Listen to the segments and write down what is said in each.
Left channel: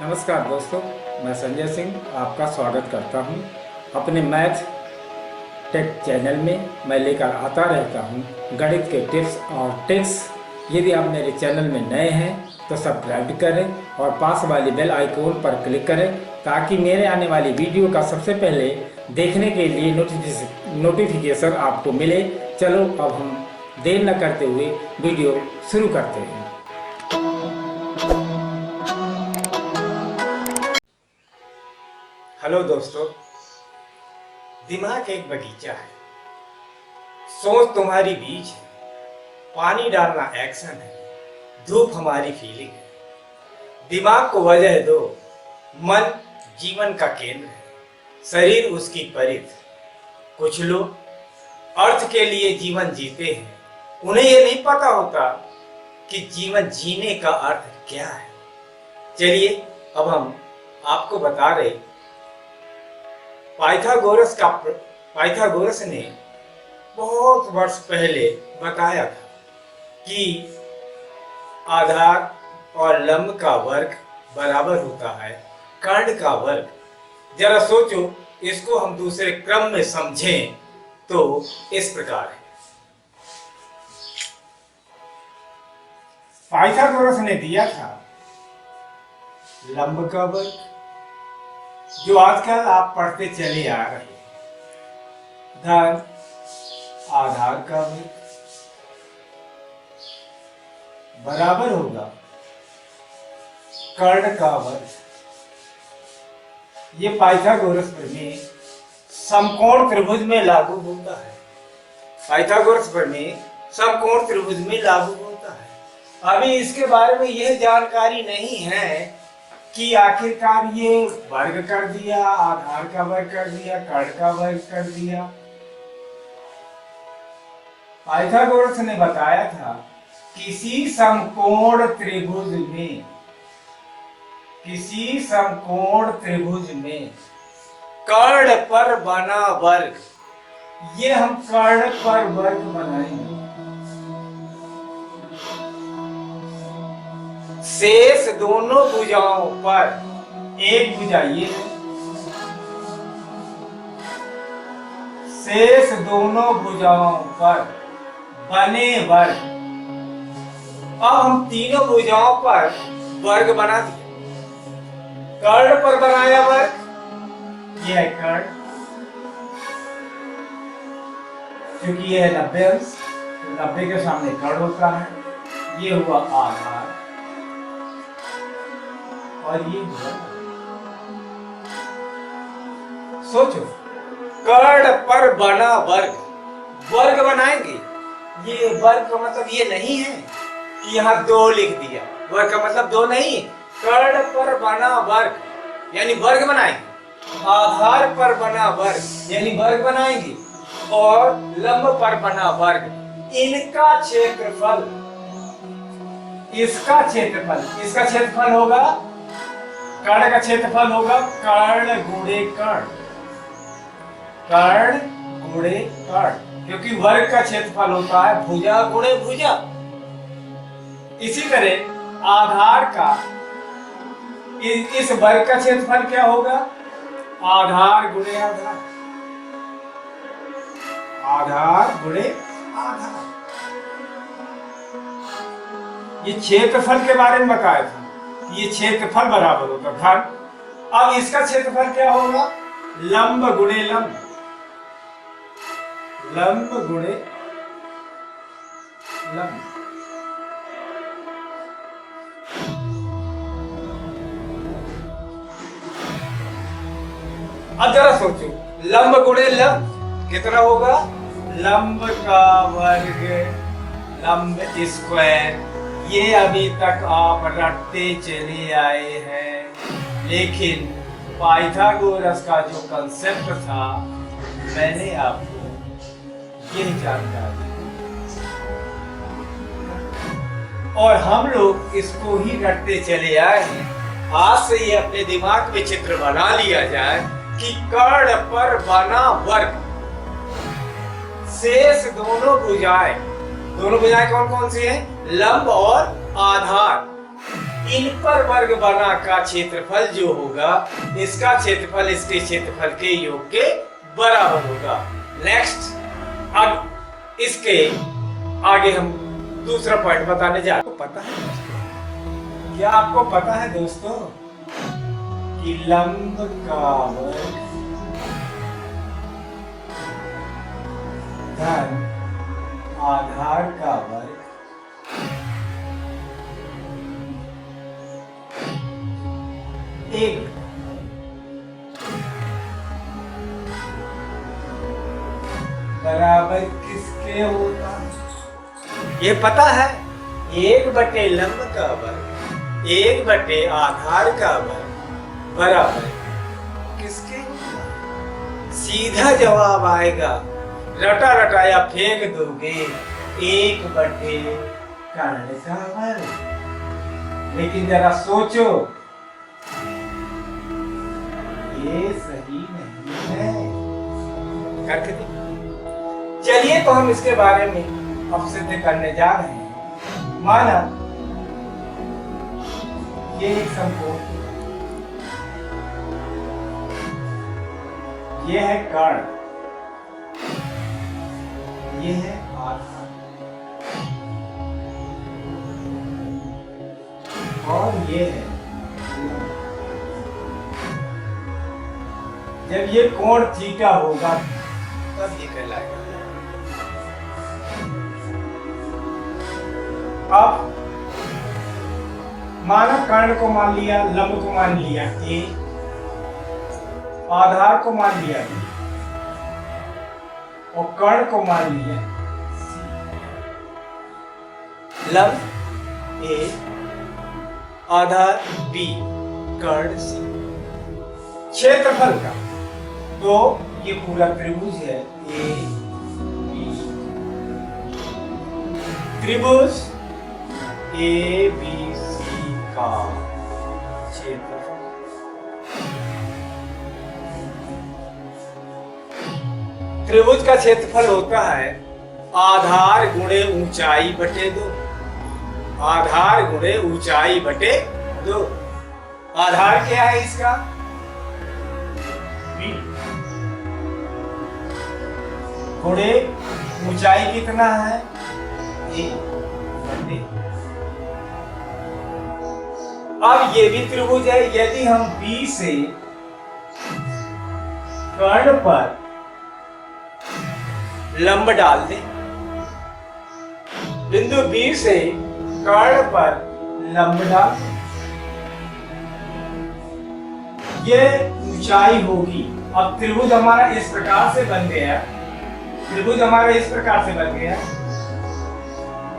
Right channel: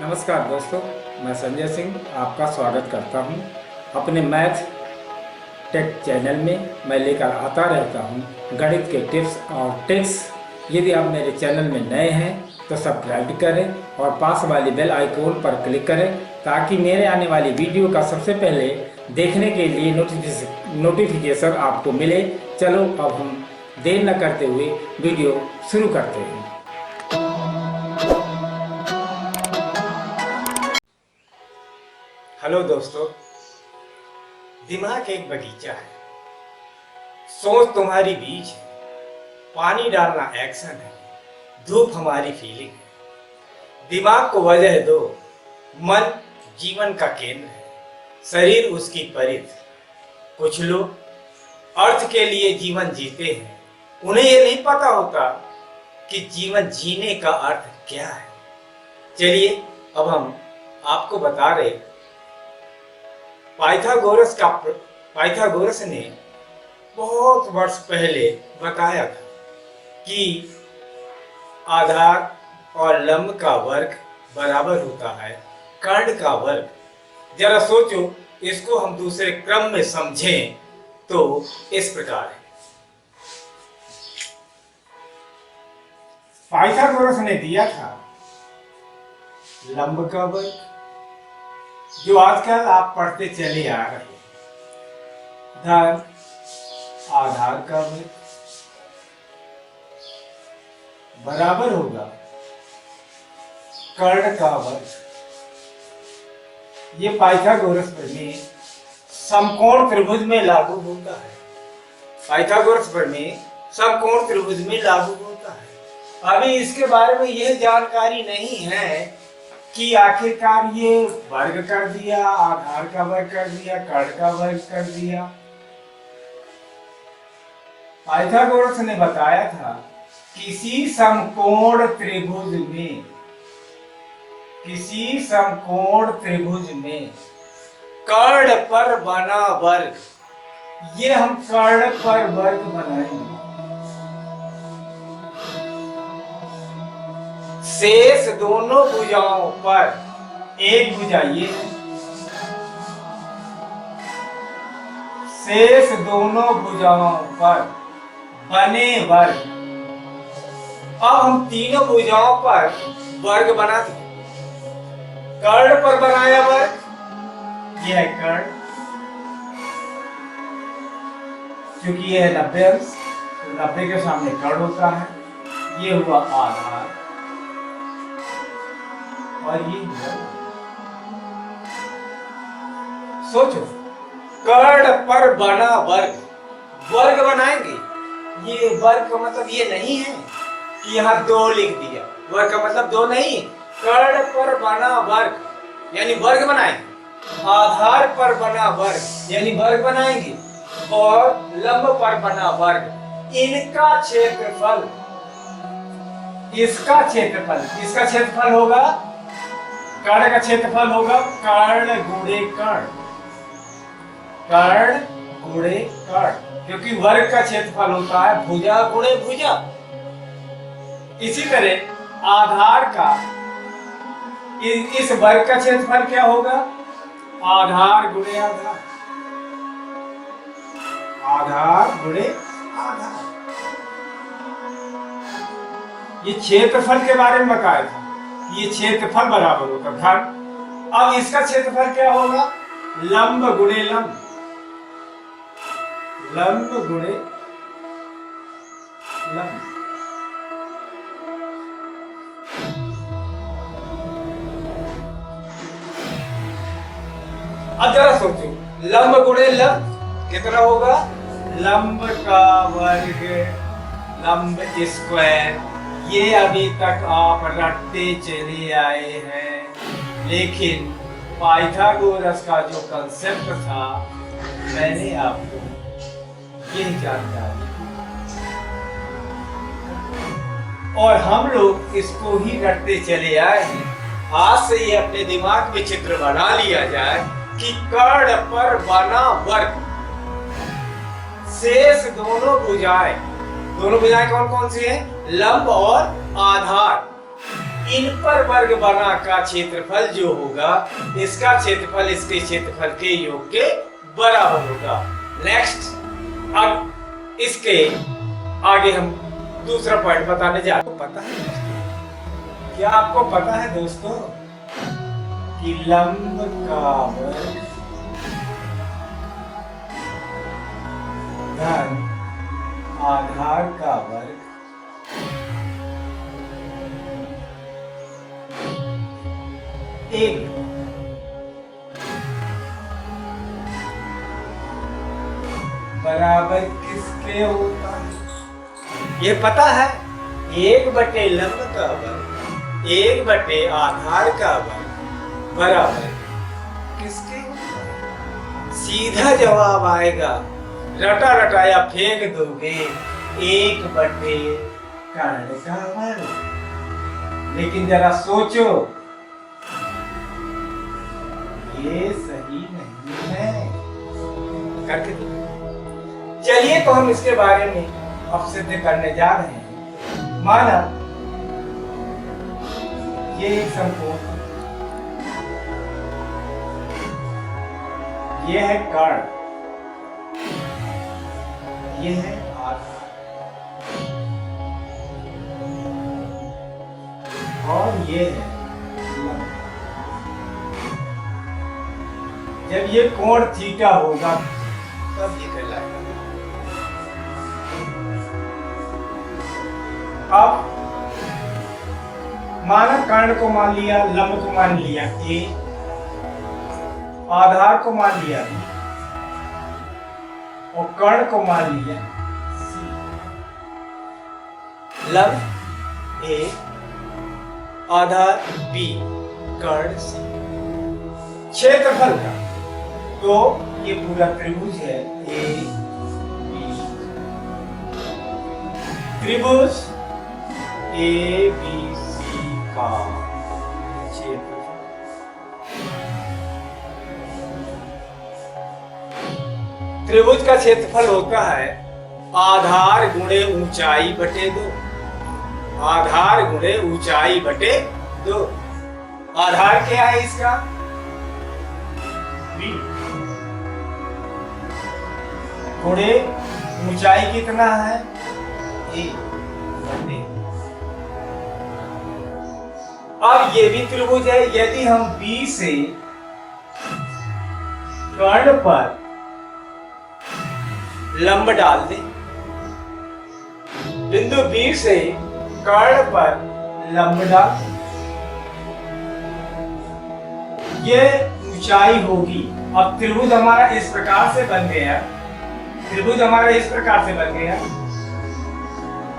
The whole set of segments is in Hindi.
नमस्कार दोस्तों, मैं संजय सिंह आपका स्वागत करता हूं अपने मैथ टेक चैनल में। मैं लेकर आता रहता हूं गणित के टिप्स और ट्रिक्स। यदि आप मेरे चैनल में नए हैं तो सब्सक्राइब करें और पास वाली बेल आइकॉन पर क्लिक करें ताकि मेरे आने वाली वीडियो का सबसे पहले देखने के लिए नोटिफिकेशन आपको मिले। चलो अब हम देर न करते हुए वीडियो शुरू करते हैं। हेलो दोस्तों, दिमाग एक बगीचा है, सोच तुम्हारी बीज है, पानी डालना एक्शन है, धूप हमारी फीलिंग है। दिमाग को वजह दो, मन जीवन का केंद्र है, शरीर उसकी परिध। कुछ लोग अर्थ के लिए जीवन जीते हैं, उन्हें ये नहीं पता होता कि जीवन जीने का अर्थ क्या है। चलिए अब हम आपको बता रहे, पाइथागोरस ने बहुत वर्ष पहले बताया था कि आधार और लंब का वर्ग बराबर होता है कर्ण का वर्ग। जरा सोचो, इसको हम दूसरे क्रम में समझें तो इस प्रकार है। पाइथागोरस ने दिया था लंब का वर्ग, जो आजकल आप पढ़ते चले आ रहे हैं, धन आधार का वर्ग बराबर होगा कर्ण का वर्ग। ये पाइथागोरस प्रमेय समकोण त्रिभुज में लागू होता है। पाइथागोरस प्रमेय समकोण त्रिभुज में लागू होता है। अभी इसके बारे में यह जानकारी नहीं है कि आखिरकार ये वर्ग कर दिया, आधार का वर्ग कर दिया, कर्ण का वर्ग कर दिया। पाइथागोरस ने बताया था किसी समकोण त्रिभुज में कर्ण पर बना वर्ग, ये हम कर्ण पर वर्ग बनाएंगे। शेष दोनों भुजाओं पर, एक भुजा ये है, शेष दोनों भुजाओं पर बने वर्ग। अब हम तीनों भुजाओं पर वर्ग बना दिए। कर्ण पर बनाया वर्ग, यह है कर्ण, क्योंकि यह है 90 अंश, तो 90 के सामने कर्ण होता है। ये हुआ आधार और ये हुआ। सोचो, कर्ण पर बना वर्ग, वर्ग बनाएंगे। ये वर्ग का मतलब ये नहीं है कि यहाँ 2 लिख दिया, वर्ग का मतलब 2 नहीं। कर्ण पर बना वर्ग यानी वर्ग बनाएंगे, आधार पर बना वर्ग यानी वर्ग बनाएंगे, और लंब पर बना वर्ग, इनका क्षेत्रफल, इसका क्षेत्रफल होगा, कर्ण का क्षेत्रफल होगा कर्ण गुणे कर्ण, कर्ण गुणे कर्ण, क्योंकि वर्ग का क्षेत्रफल होता है भुजा गुणे भुजा। इसी तरह आधार का, इस वर्ग का क्षेत्रफल क्या होगा, आधार गुणे आधार, आधार गुणे आधार। ये क्षेत्रफल के बारे में बताया था, ये क्षेत्रफल बराबर होगा घन। अब इसका क्षेत्रफल क्या होगा, लंब गुणे लंब, लंब गुणे लंब। अब जरा सोचो, लंब गुणे लंब कितना होगा, लंब का वर्ग, लंब स्क्वायर। ये अभी तक आप रटते चले आए हैं, लेकिन पाइथागोरस का जो कंसेप्ट था, मैंने आपको यही जानकारी, और हम लोग इसको ही रटते चले आए हैं। आज से ये अपने दिमाग में चित्र बना लिया जाए कि कर्ण पर बना वर्ग, शेष दोनों भुजाएं दोनों भुजाएं कौन कौन सी हैं? लंब और आधार। इन पर वर्ग बना का क्षेत्रफल जो होगा, इसका क्षेत्रफल इसके क्षेत्रफल के योग के बराबर होगा। नेक्स्ट, अब इसके आगे हम दूसरा पॉइंट बताने जा रहे हैं। पता है दोस्तों, क्या आपको पता है दोस्तों कि लंब का वर्ग धन आधार का वर्ग एक बराबर किसके होता है? ये पता है, 1/, लंब का वर्ग 1/, आधार का वर्ग बराबर किसके होता है? सीधा जवाब आएगा, रटा रटाया फेंक दोगे, 1/, कर्ण का वर्ग। लेकिन जरा सोचो, ये सही नहीं है। करके दो। चलिए तो हम इसके बारे में अब सिद्ध करने जा रहे हैं। माना ये एक समकोण, ये है कर्ण, ये है आधार, और ये है लंब। जब ये कोण थीटा होगा तब ये कहलाएगा। अब माना कर्ण को मान लिया, लंब को मान लिया ए, आधार को मान लिया बी, और कर्ण को मान लिया सी। लंब ए, आधार बी, कर्ण सी। क्षेत्रफल का तो ये पूरा त्रिभुज है ए बी, त्रिभुज ए बी सी का क्षेत्रफल। त्रिभुज का क्षेत्रफल होता है आधार गुणे ऊंचाई बटे 2। आधार गुणे ऊंचाई बटे 2। आधार क्या है इसका? बी, गुणे ऊंचाई कितना है? ए बटे। अब ये भी त्रिभुज है। यदि हम बी से कर्ण पर लंब डाल दें, बिंदु बी से कर्ण पर लंब डाल दें, ये ऊंचाई होगी। अब त्रिभुज हमारा इस प्रकार से बन गया, त्रिभुज हमारा इस प्रकार से बन गया।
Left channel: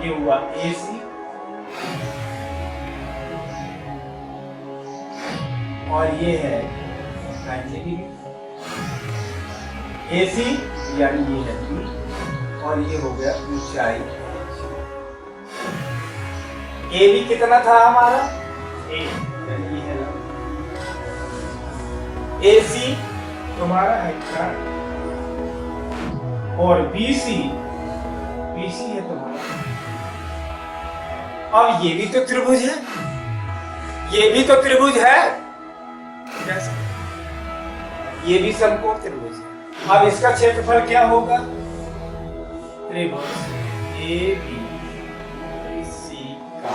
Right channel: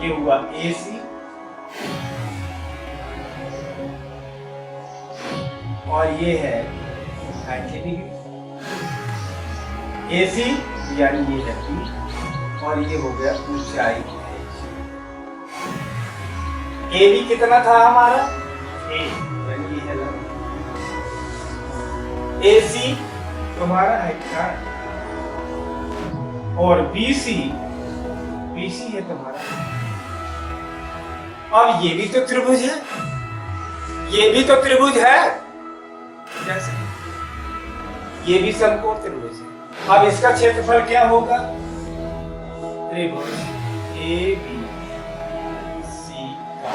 ये हुआ AC और ये है 90 डिग्री। AC यानी ये है B और ये हो गया ऊंचाई H। AB कितना था हमारा? A यानी ये है लंब। AC तुम्हारा है कर्ण और BC है तुम्हारा। अब ये भी तो त्रिभुज है, ये भी तो त्रिभुज है। कैसे? ये भी समकोण त्रिभुज है। अब इसका क्षेत्रफल क्या होगा? त्रिभुज ABC का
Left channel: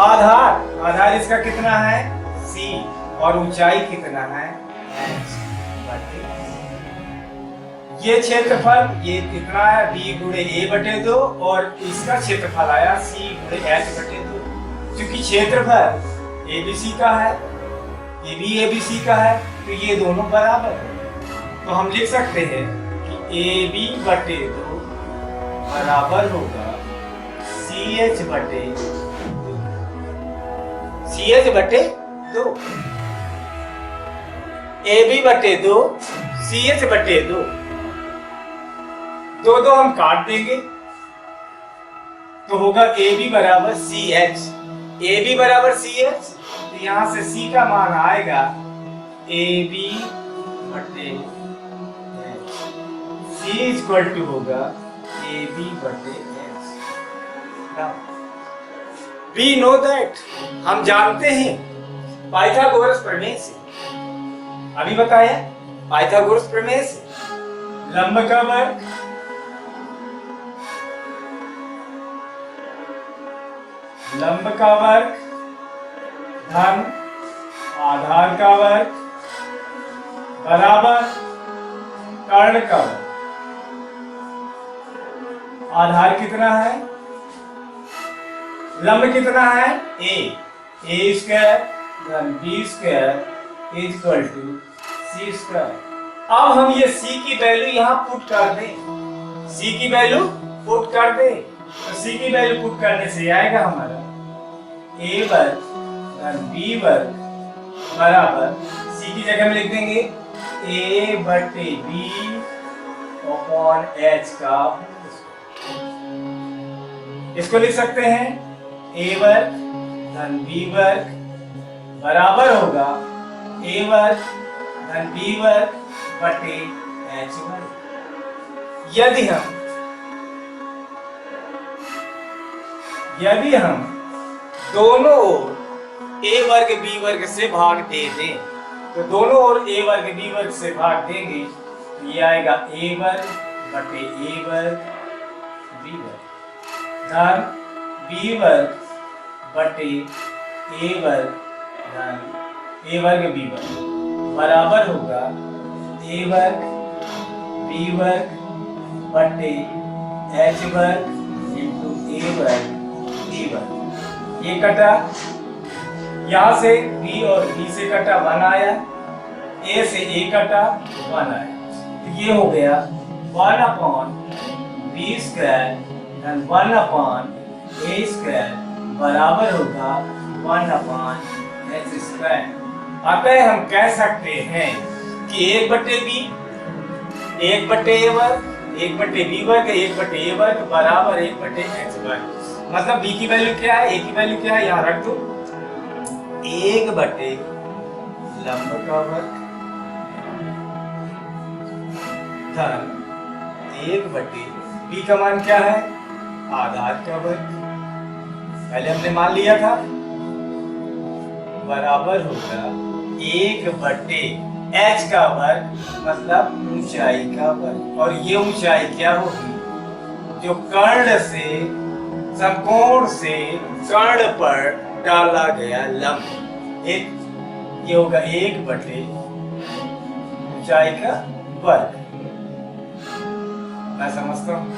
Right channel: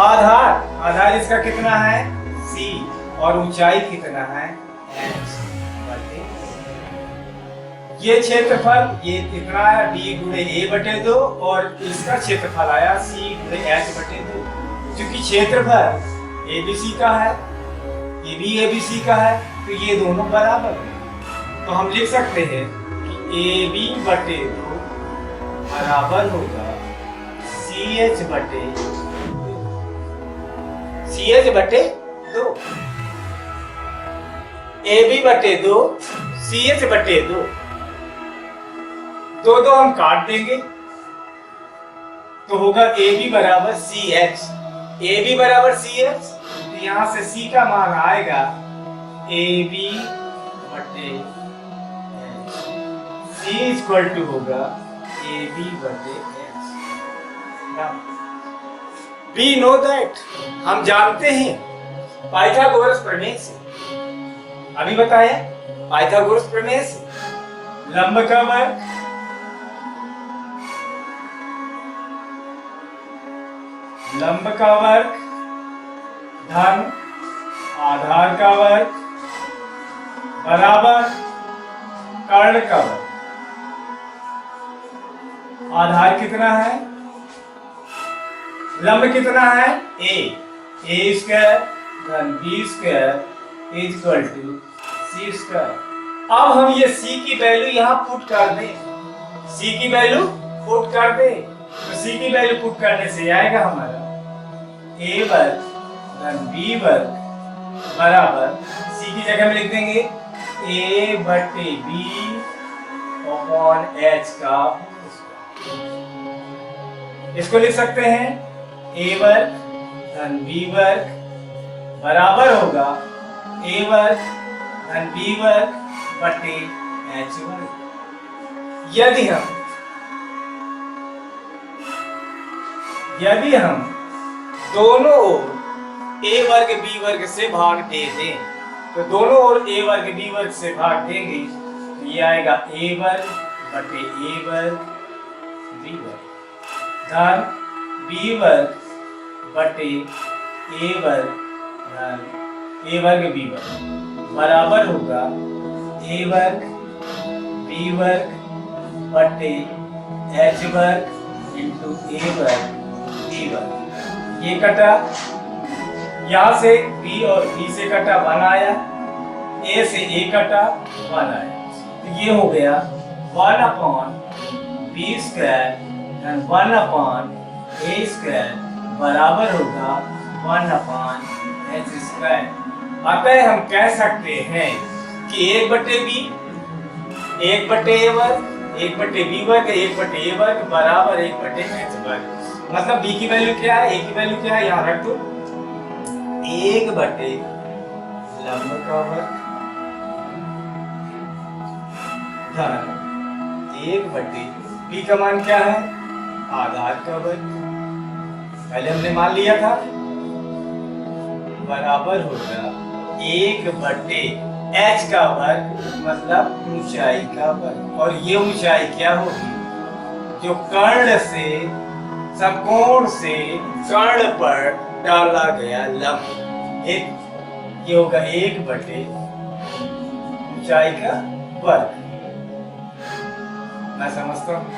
आधार इसका कितना है? C और ऊंचाई कितना है? H बटे। ये क्षेत्रफल ये कितना है? B गुणे A बटे 2 और इसका क्षेत्रफल आया C गुणे H बटे 2। क्योंकि क्षेत्रफल ABC का है, ये भी ABC का है, तो ये दोनों बराबर है। तो हम लिख सकते हैं कि AB बटे 2 बराबर होगा CH बटे 2। CH बटे 2, AB बटे 2, CH बटे 2। दो हम काट देंगे तो होगा AB बराबर CH। AB बराबर CH, तो यहां से C का मान आएगा AB बटे H। C इक्वल टू होगा AB बटे X। वी नो दैट, हम जानते हैं पाइथागोरस प्रमेय से, अभी बताया पाइथागोरस प्रमेय से, लंब का वर्ग धन आधार का वर्ग बराबर कर्ण का वर्ग। आधार कितना है, लंब कितना है, ए स्क्वायर धन B square equal to C square. अब हम ये सी की वैल्यू यहां पुट कर दें, सी की वैल्यू पुट कर दें, तो सी की वैल्यू पुट करने से आएगा हमारा ए वर्ग धन बी वर्ग बराबर, सी की जगह में लिख देंगे ए बटे बी अपॉन एच का, इसको लिख सकते हैं ए वर्ग धन बी वर्ग बराबर होगा ए वर्ग धन बी वर्ग बटे एच वर्ग। यदि हम दोनों ओर ए वर्ग बी वर्ग से भाग दे दें, तो दोनों ओर ए वर्ग बी वर्ग से भाग देंगे तो ये आएगा ए वर्ग बटे ए वर्ग बी वर्ग धन बी वर्ग बटे ए वर्ग धन ए वर्ग बी वर्ग बराबर होगा ए वर्ग बी वर्ग बटे एच वर्ग इंटू ए वर्ग बी वर्ग। ये कटा, यहां से b और b से कटा 1 आया, a से a कटा 1 आया, तो ये हो गया 1 अपॉन बी स्क्वायर धन 1 अपॉन a स्क्वायर बराबर होगा 1 अपॉन एच स्क्वायर। अतः हम कह सकते हैं कि 1 बटे b 1 बटे a वर्ग 1 बटे b वर्ग 1 बटे a वर्ग बराबर 1 बटे h वर्ग। मतलब b की वैल्यू क्या है, a की वैल्यू क्या है, यहां रख दो 1 बटे लंब का वर्ग धन 1 बटे b का मान क्या है, आधार का वर्ग, पहले हमने मान लिया था, बराबर होगा 1 बटे h का वर्ग मतलब ऊंचाई का वर्ग। और ये ऊंचाई क्या होगी, जो कर्ण से समकोण से कर्ण पर डाला गया लंब, एक ये होगा 1 बटे ऊंचाई का वर्ग। मैं समझता हूं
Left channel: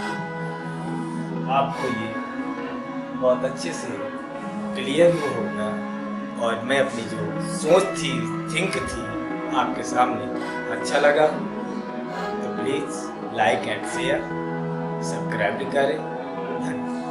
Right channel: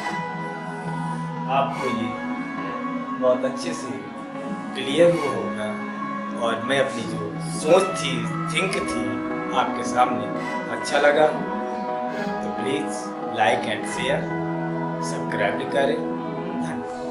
आपको ये बहुत अच्छे से क्लियर होगा, और मैं अपनी जो सोच थी, थिंक थी, आपके सामने अच्छा लगा तो please like and share, subscribe करें। धन्यवाद।